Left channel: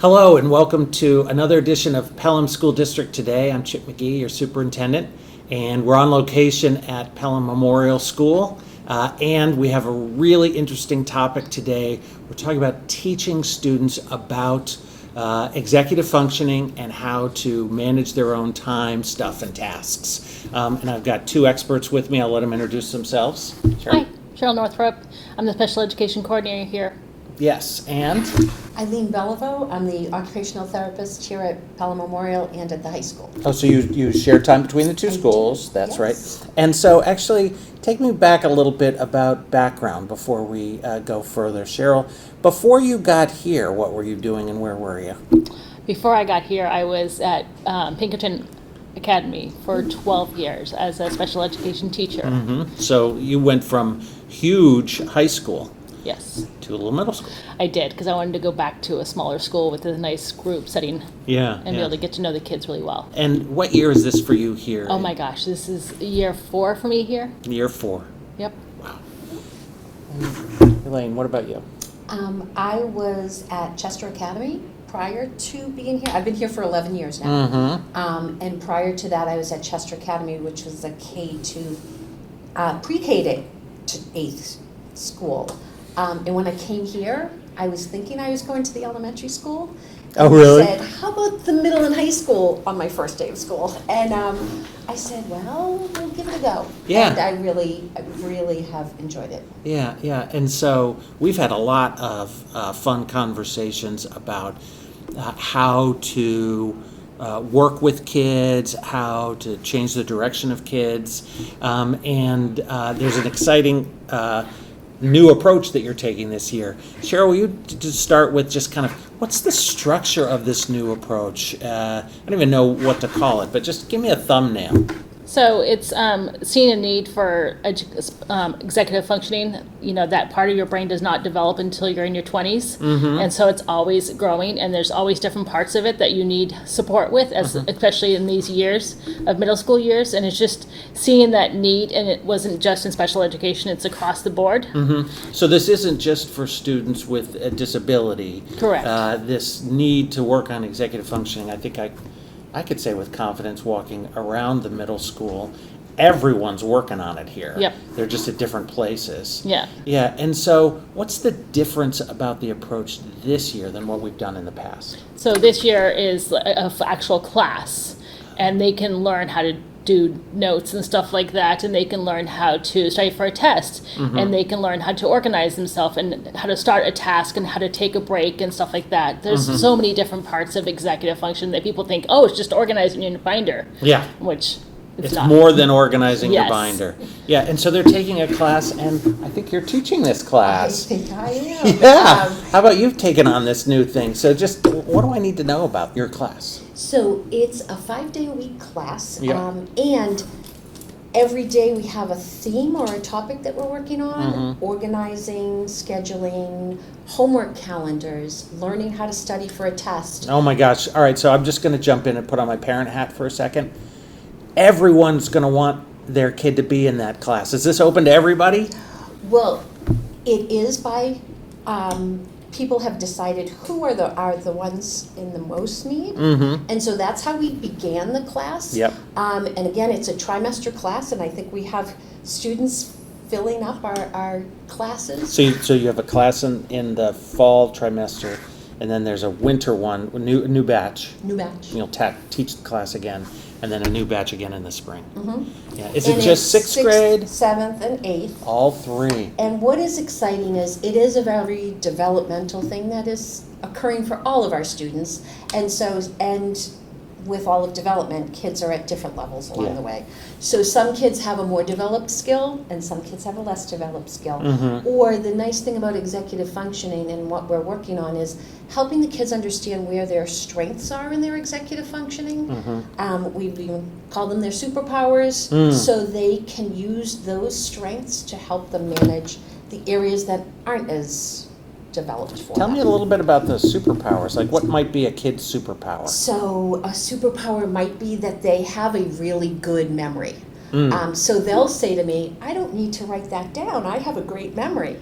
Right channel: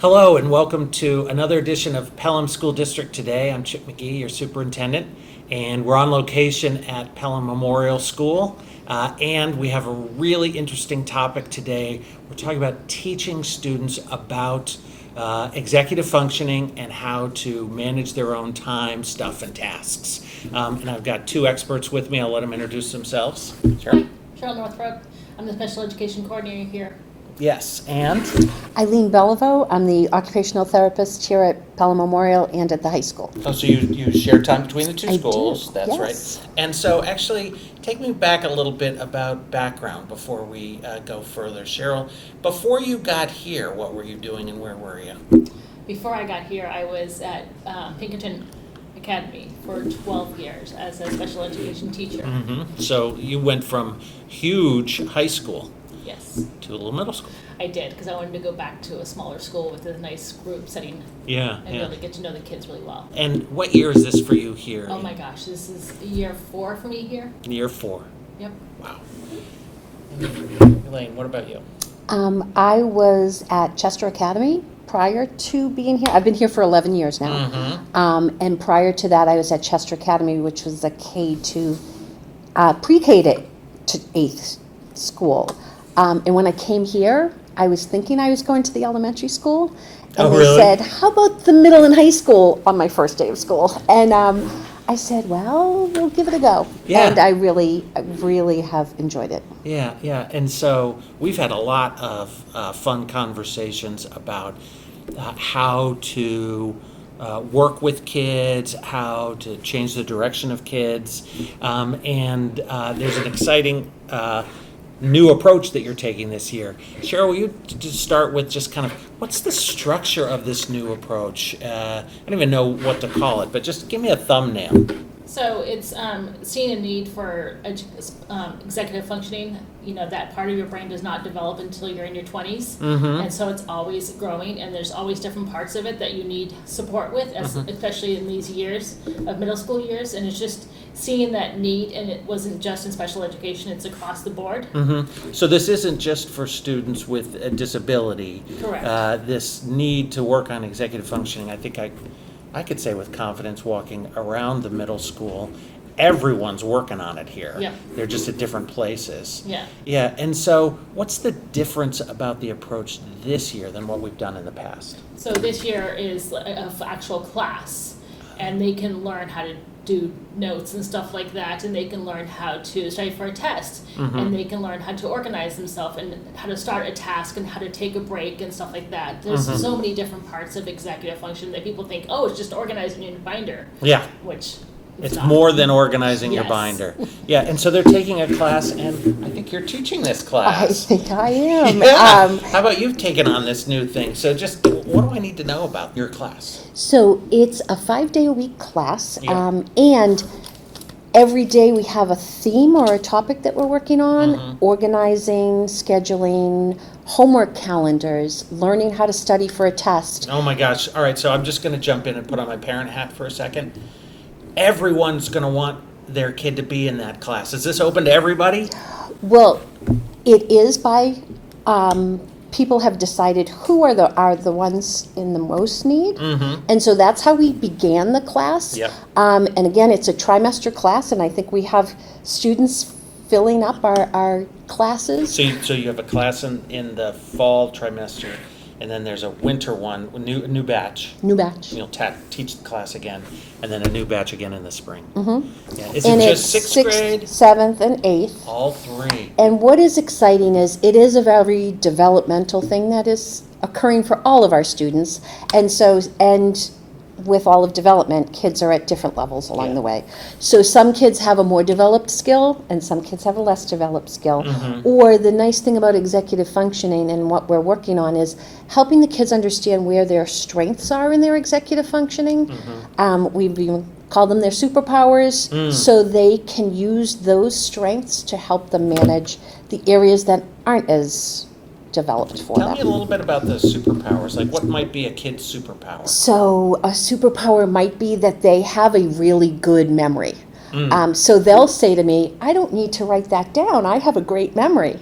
Hello and welcome to another edition of Pelham School District Today. I'm Chip McGee, your superintendent, and we're on location at Pelham Memorial School. And we have a really interesting topic today. We're talking about teaching students about executive functioning and how to manage their own time, stuff, and tasks. And I've got two experts with me. I'll let them introduce themselves. Hi, Cheryl Northrup. I'm the special education coordinator here. Yes, and Eileen Beliveau, I'm the occupational therapist here at Pelham Memorial and at the high school. oh, so you share time between the two schools. That's yes. right. And so actually, take me back a little bit about background before we go further. Cheryl, before you got here, what were you doing and where were you? Before I got here, I was at Pinkerton Academy for 12 years as a special education teacher. Mm-hmm. So you went from huge high school Yes, to a little middle school. I did, because I wanted to go back to a smaller school with a nice group setting Yeah, and yeah. really get to know the kids really well. And what year is this for you here? Oh my gosh, this is year 4 for me here. Year 4. Yep. Wow. And Elaine, what about you? I was at Chester Academy prior to being here. I've been here for 11 years now. Mm-hmm. And prior to that, I was at Chester Academy, which was a pre-K to 8th school. And when I came here, I was thinking I was going to the elementary school. Oh, And really? I said, how about the middle and high school on my first day of school? And I said, well, we'll give it a go. Yeah. And I really have enjoyed it. Yeah, yeah. And so we've had a lot of fun conversations about how to work with kids, how to change the direction of kids. And there's an exciting new approach that you're taking this year. Cheryl, will you just start with just kind of what's the structure of this new approach? I don't even know what to call it, but just give me a thumbnail. So it's seeing a need for executive functioning. You know, that part of your brain does not develop until you're in your 20s. Mm-hmm. And so it's always growing, and there's always different parts of it that you need support with, especially in these years of middle school years. And it's just seeing that need, and it wasn't just in special education, it's across the board. Mm-hmm. So this isn't just for students with a disability. Correct. This need to work on executive functioning, I think I could say with confidence, walking around the middle school, everyone's working on it here. Yep. They're just at different places. Yeah. Yeah, and so what's the difference about the approach this year than what we've done in the past? So this year is an actual class, and they can learn how to do notes and stuff like that, and they can learn how to study for a test, and they can learn how to organize themselves and how to start a task and how to take a break and stuff like that. There's so many different parts of executive function that people think, oh, it's just organizing your binder, Yeah. which It's not. more than organizing your Yes. binder. Yeah, and so they're taking a class, and I think you're teaching this I class. think I am. Yeah. How about you've taken on this new thing? So just what do I need to know about your class? So it's a 5-day-a-week class, Yeah. And every day we have a theme or a topic that we're working on, organizing, scheduling, homework calendars, learning how to study for a test. Oh my gosh. All right, so I'm just going to jump in and put on my parent hat for a second. Everyone's going to want their kid to be in that class. Is this open to everybody? Well, it is by, people have decided who are the ones in the most need. Mm-hmm. And so that's how we began the class. Yep. And again, it's a trimester class, and I think we have students filling up our classes. So you have a class in the fall trimester, and then there's a winter one, new batch. New batch. You'll teach the class again, and then a new batch again in the spring. Mm-hmm. Yeah. Is And it just it's sixth grade? 7th, and 8th. All three. And what is exciting is it is a very developmental thing that is occurring for all of our students. And with all of development, kids are at different levels along Yeah. the way. So some kids have a more developed skill and some kids have a less developed skill. Or the nice thing about executive functioning and what we're working on is helping the kids understand where their strengths are in their executive functioning. We call them their superpowers, so they can use those strengths to help them manage the areas that aren't as developed for Tell them. me a little bit about the superpowers. Like, what might be a kid's superpower? So a superpower might be that they have a really good memory. So they'll say to me, I don't need to write that down. I have a great memory.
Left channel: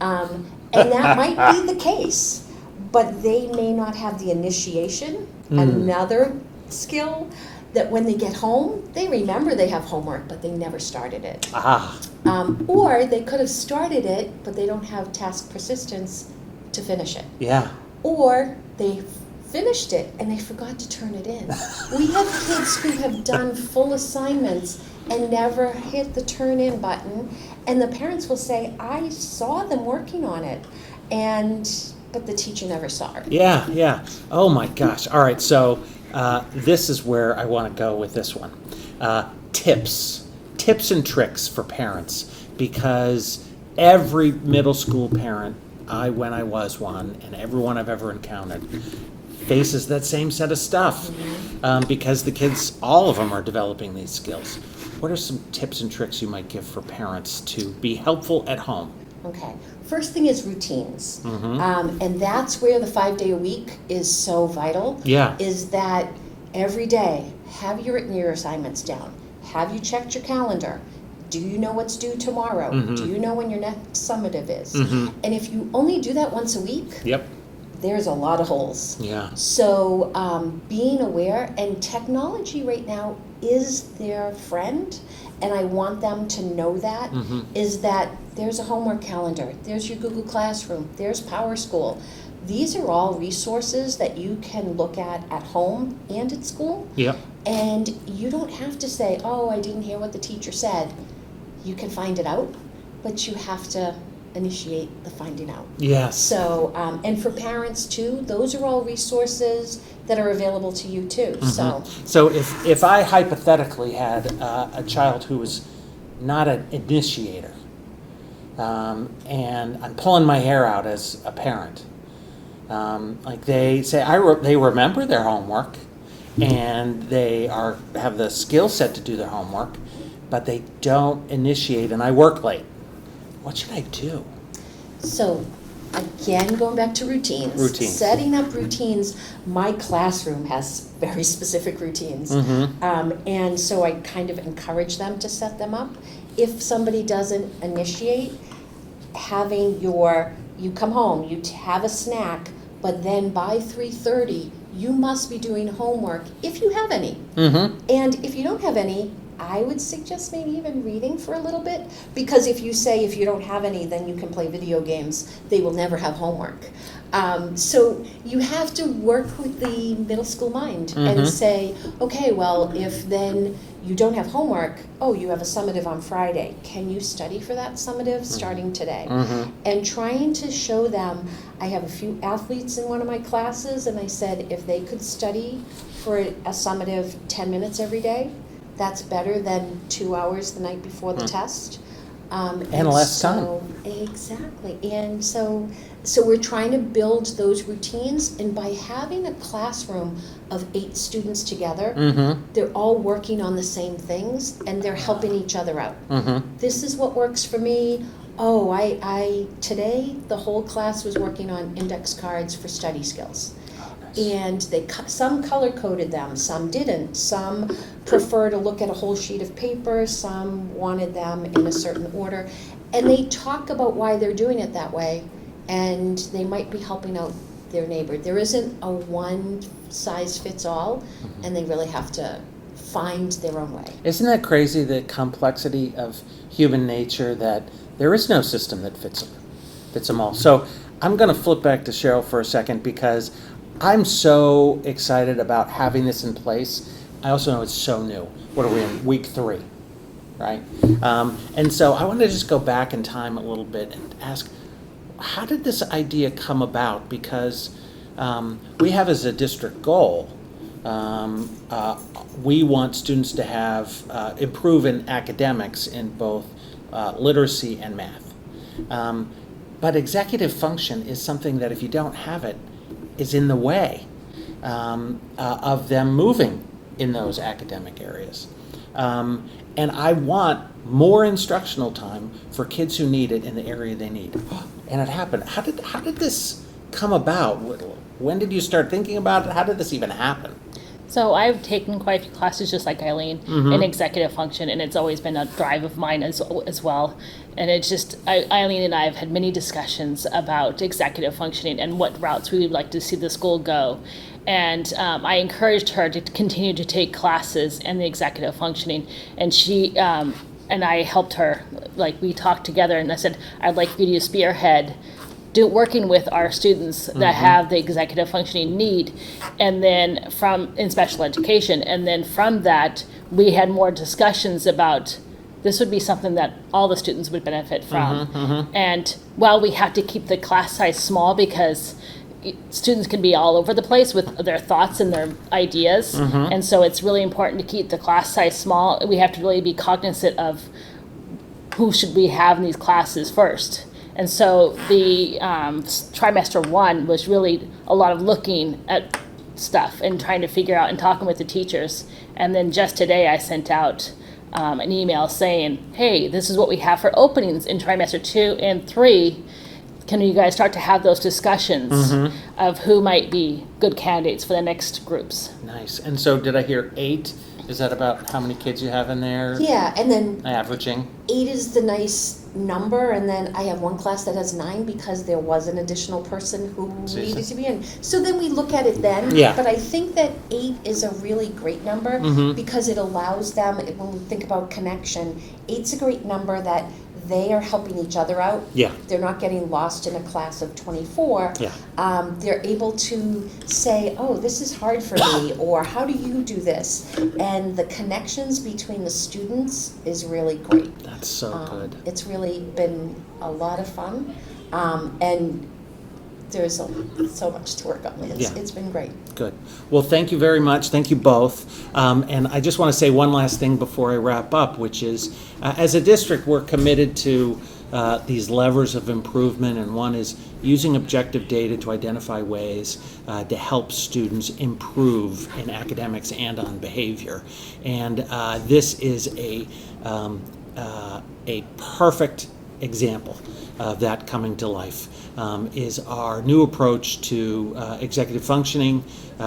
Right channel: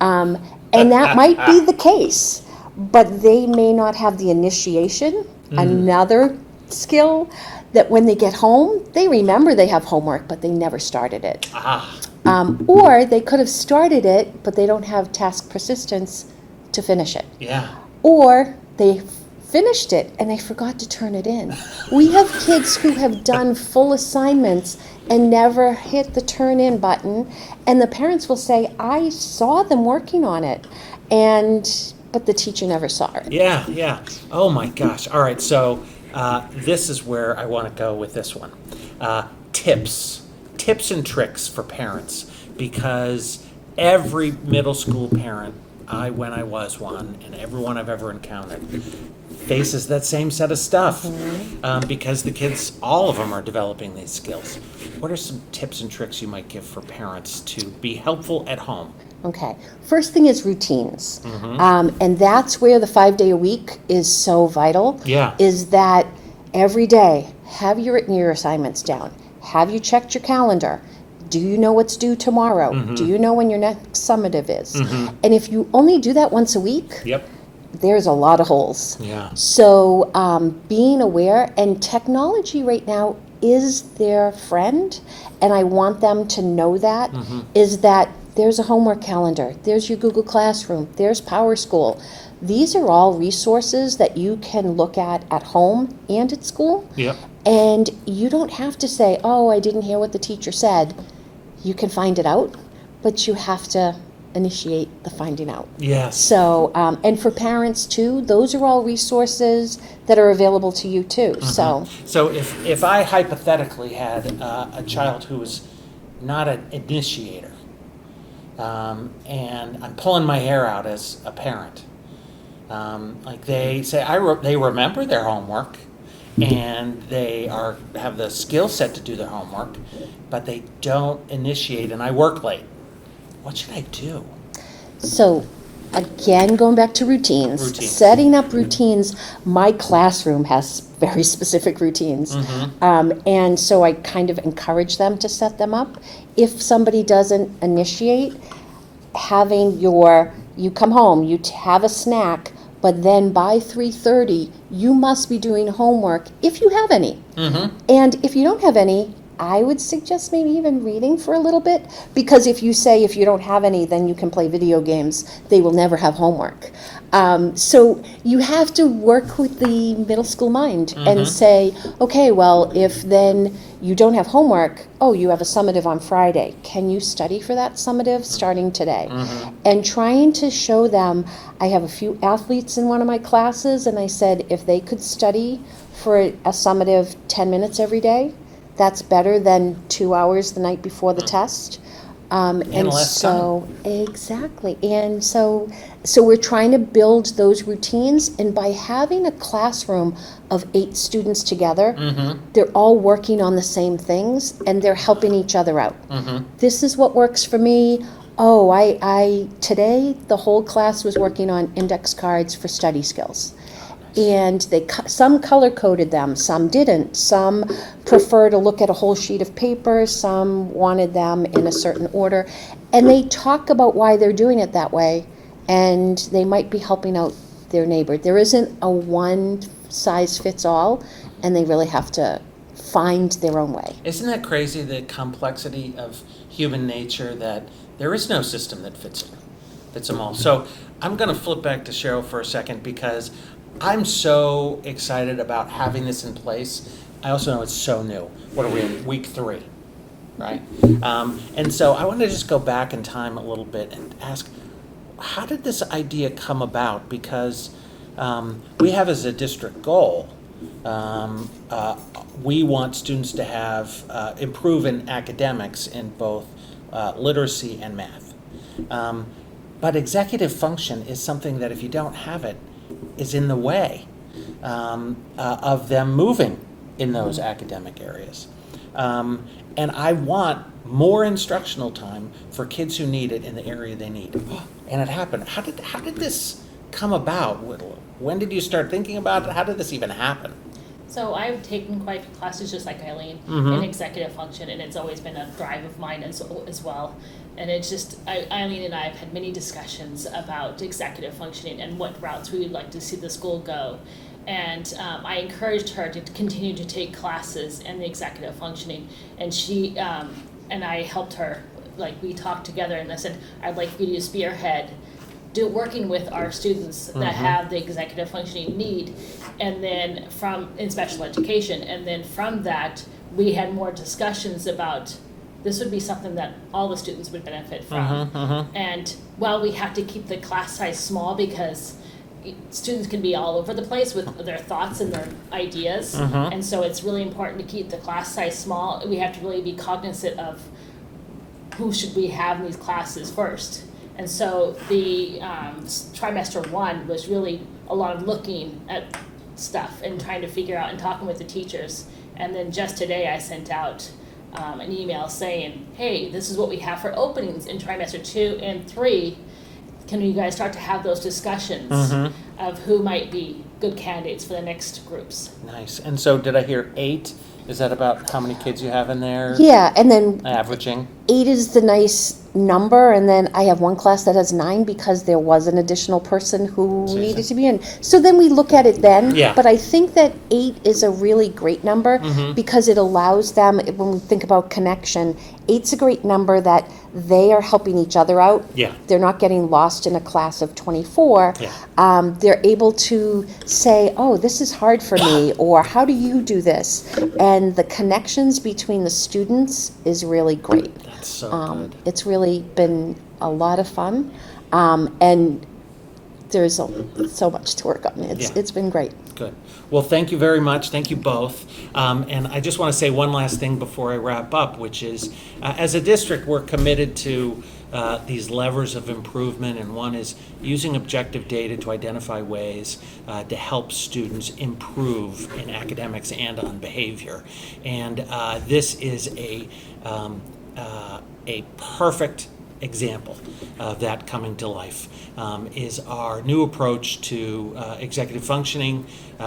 And that might be the case. but they may not have the initiation, another skill that when they get home, they remember they have homework, but they never started it. Or they could have started it, but they don't have task persistence to finish it. Yeah. Or they finished it and they forgot to turn it in. We have kids who have done full assignments and never hit the turn in button, and the parents will say, I saw them working on it, but the teacher never saw it. Yeah, yeah. Oh my gosh. All right, so this is where I want to go with this one. Tips and tricks for parents, because every middle school parent, when I was one, and everyone I've ever encountered, faces that same set of stuff, because the kids, all of them are developing these skills. What are some tips and tricks you might give for parents to be helpful at home? Okay. First thing is routines. And that's where the 5-day a week is so vital. Yeah. Is that every day, have you written your assignments down? Have you checked your calendar? Do you know what's due tomorrow? Do you know when your next summative is? And if you only do that once a week, there's a lot of holes. Yeah. So being aware, and technology right now is their friend, and I want them to know that, is that there's a homework calendar, there's your Google Classroom, there's PowerSchool. These are all resources that you can look at home and at school. Yep. And you don't have to say, oh, I didn't hear what the teacher said. You can find it out, but you have to initiate the finding out. Yes. So, and for parents too, those are all resources that are available to you too. So if I hypothetically had a child who was not an initiator, and I'm pulling my hair out as a parent, like they say, they remember their homework, and they have the skill set to do their homework, but they don't initiate, and I work late. What should I do? So, again, going back to routines. Setting up routines. My classroom has very specific routines. And so I kind of encourage them to set them up. If somebody doesn't initiate, you come home, you have a snack, but then by 3:30, you must be doing homework if you have any. And if you don't have any, I would suggest maybe even reading for a little bit, because if you don't have any, then you can play video games. They will never have homework. So you have to work with the middle school mind and say, okay, well, if then you don't have homework, you have a summative on Friday. Can you study for that summative starting today? And trying to show them, I have a few athletes in one of my classes, and I said if they could study for a summative 10 minutes every day, that's better than 2 hours the night before the test. And less time. Exactly. And so we're trying to build those routines, and by having a classroom of 8 students together, they're all working on the same things, and they're helping each other out. This is what works for me. Today the whole class was working on index cards for study skills. And some color-coded them, some didn't. Some prefer to look at a whole sheet of paper, some wanted them in a certain order. And they talk about why they're doing it that way, and they might be helping out their neighbor. There isn't a one-size-fits-all, and they really have to find their own way. Isn't that crazy, the complexity of human nature, that there is no system that fits them all? So I'm going to flip back to Cheryl for a second, because I'm so excited about having this in place. I also know it's so new. What are we in? Week 3, right? And so I want to just go back in time a little bit and ask, how did this idea come about? Because we have as a district goal, we want students to have improve in academics in both literacy and math. But executive function is something that if you don't have it, is in the way of them moving in those academic areas. And I want more instructional time for kids who need it in the area they need. And it happened. How did this come about? When did you start thinking about it? How did this even happen? So I've taken quite a few classes just like Eileen Mm-hmm. in executive function, and it's always been a drive of mine as well. And it's just, Eileen and I have had many discussions about executive functioning and what routes we would like to see the school go. And I encouraged her to continue to take classes in the executive functioning, and she and I helped her. Like, we talked together, and I said, I'd like you to spearhead working with our students that have the executive functioning need, and then in special education, and then from that we had more discussions about this would be something that all the students would benefit from. And while we have to keep the class size small because students can be all over the place with their thoughts and their ideas, and so it's really important to keep the class size small. We have to really be cognizant of who should we have in these classes first. And so the trimester 1 was really a lot of looking at stuff and trying to figure out and talking with the teachers. And then just today I sent out an email saying, hey, this is what we have for openings in trimester 2 and 3. Can you guys start to have those discussions of who might be good candidates for the next groups? Nice. And so did I hear 8? Is that about how many kids you have in there? Yeah, and then Averaging? 8 is the nice number, and then I have one class that has 9 because there was an additional person who Susan. needed to be in. So then we look at it then. Yeah. But I think that 8 is a really great number because it allows them, when we think about connection, 8's a great number that they are helping each other out. Yeah. They're not getting lost in a class of 24. Yeah. They're able to say, oh, this is hard for me, or how do you do this? And the connections between the students is really great. That's so good. It's really been a lot of fun, and there's so much to work on. It's been great. Good. Well, thank you very much. Thank you both. And I just want to say one last thing before I wrap up, which is, as a district, we're committed to these levers of improvement, and one is using objective data to identify ways to help students improve in academics and on behavior. And this is a perfect example of that coming to life, is our new approach to executive functioning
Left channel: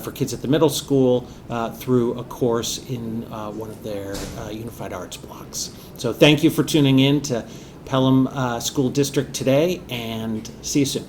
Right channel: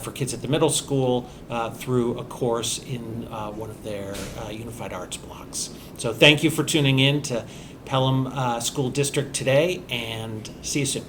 for kids at the middle school through a course in one of their unified arts blocks. So thank you for tuning in to Pelham School District today, and see you soon.